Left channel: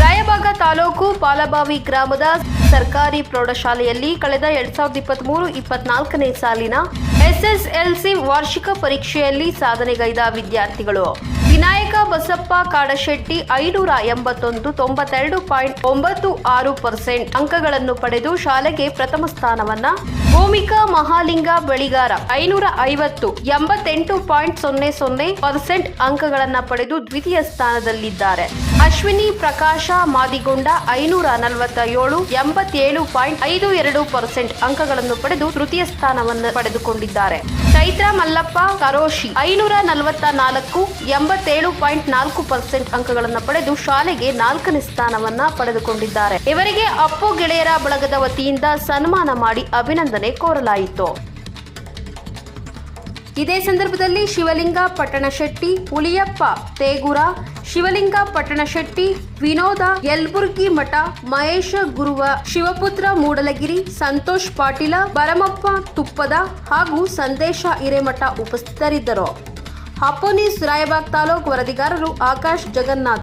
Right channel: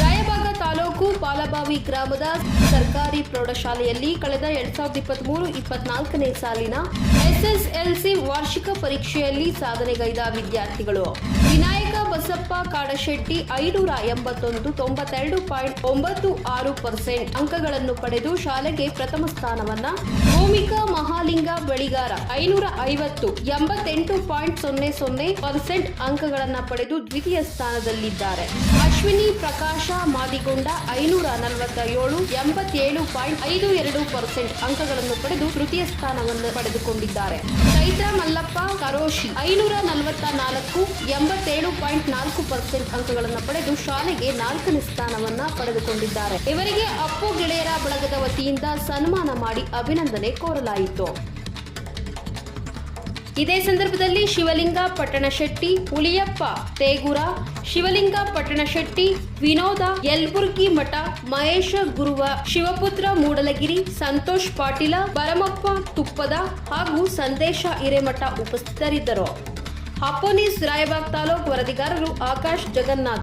ರಾಯಬಾಗ ತಾಲೂಕು ಪಾಲಬಾವಿ ಗ್ರಾಮದ ಸರ್ಕಾರಿ ಪ್ರೌಢಶಾಲೆಯಲ್ಲಿ ಕಳೆದ ಎರಡ್ ಸಾವಿರದ ಇಪ್ಪತ್ತ್ ಮೂರು ಇಪ್ಪತ್ನಾಲ್ಕನೇ ಸಾಲಿನ ಎಸ್ಎಸ್ಎಲ್ಸಿ ವಾರ್ಷಿಕ ಪರೀಕ್ಷೆಯಲ್ಲಿ ಸಾಧನೆಗೈದ ವಿದ್ಯಾರ್ಥಿಗಳು. ವಿನಾಯಕ ಬಸಪ್ಪ ಕಾಡಶೆಟ್ಟಿ ಐನೂರ ಎಂಬತ್ತೊಂದು, ತೊಂಬತ್ತೆರಡು ಪಾಯಿಂಟ್ ಒಂಬತ್ತು ಆರು ಪರ್ಸೆಂಟ್ ಅಂಕಗಳನ್ನು ಪಡೆದು ಶಾಲೆಗೆ ಪ್ರಥಮ ಸ್ಥಾನವನ್ನ. ಭೂಮಿಕಾ ಮಹಾಲಿಂಗ ಬಳಿಗಾರ ಐನೂರ ಐವತ್ತು, ಎಂಬತ್ತೆಂಟು ಪಾಯಿಂಟ್ ಸೊನ್ನೆ ಸೊನ್ನೆ ಪರ್ಸೆಂಟ್ ಅಂಕಗಳನ್ನು ಪಡೆದು ದ್ವಿತೀಯ ಸ್ಥಾನದಲ್ಲಿದ್ದಾರೆ. ಅಶ್ವಿನಿ ಪ್ರಕಾಶ ಮಾದಿಗೊಂಡ ಐನೂರ ನಲವತ್ತ ಏಳು ಎಂಬತ್ತೇಳು ಪಾಯಿಂಟ್ ಐದು ಎರಡು ಪರ್ಸೆಂಟ್ ಅಂಕಗಳನ್ನು ಪಡೆದು ತೃತೀಯ ಸ್ಥಾನವನ್ನು ಪಡೆದುಕೊಂಡಿದ್ದಾರೆ. ಚೈತ್ರ ಮಲ್ಲಪ್ಪ, ಕರೋಶಿ ಐನೂರ ನಲವತ್ತ ನಾಲ್ಕು ಎಂಬತ್ತೇಳು ಪಾಯಿಂಟ್ ನಾಲ್ಕು ಪರ್ಸೆಂಟ್ ಅಂಕಗಳನ್ನು ಪಡೆದು ಶಾಲೆಗೆ ನಾಲ್ಕನೇ ಸ್ಥಾನವನ್ನ ಪಡೆದುಕೊಂಡಿದ್ದಾರೆ. ಇವರಿಗೆ ಅಪ್ಪು ಗೆಳೆಯರ ಬಳಗದ ವತಿಯಿಂದ ಸನ್ಮಾನ ಮಾಡಿ ಅಭಿನಂದನೆ ಕೋರಲಾಯಿತು. ಇದೇ ಸಂದರ್ಭದಲ್ಲಿ ಶಿವಲಿಂಗ ಪಟ್ಟಣಶೆಟ್ಟಿ ಹುಲಿಯಪ್ಪ ತೇಗುರ, ಶಿವಲಿಂಗ ಪಟ್ಟಣಶೆಟ್ಟಿ ವಿನೋದ ಯಲ್ಬುರ್ಗಿ ಮಠ, ಮಹೇಶ ಗುರುವ ಶಿವಪುತ್ರ ಮೂಡಲಗಿರಿ, ಸಂತೋಷ್ ಪಾಟೀಲ ಭರಮಪ್ಪ ತುಪ್ಪದ ಹಾಗೂ ಸಂದೇಶ ಹಿರೇಮಠ ಉಪಸ್ಥಿತರಿದ್ದರು. ಹಪ್ಪೋನಿಸ್ ರಾಯಬಾಗ್ ತಾಲೂಕು ವರದಿಗಾರರು ಆಕಾಶ್ ಜಗನ್ನಾಥ್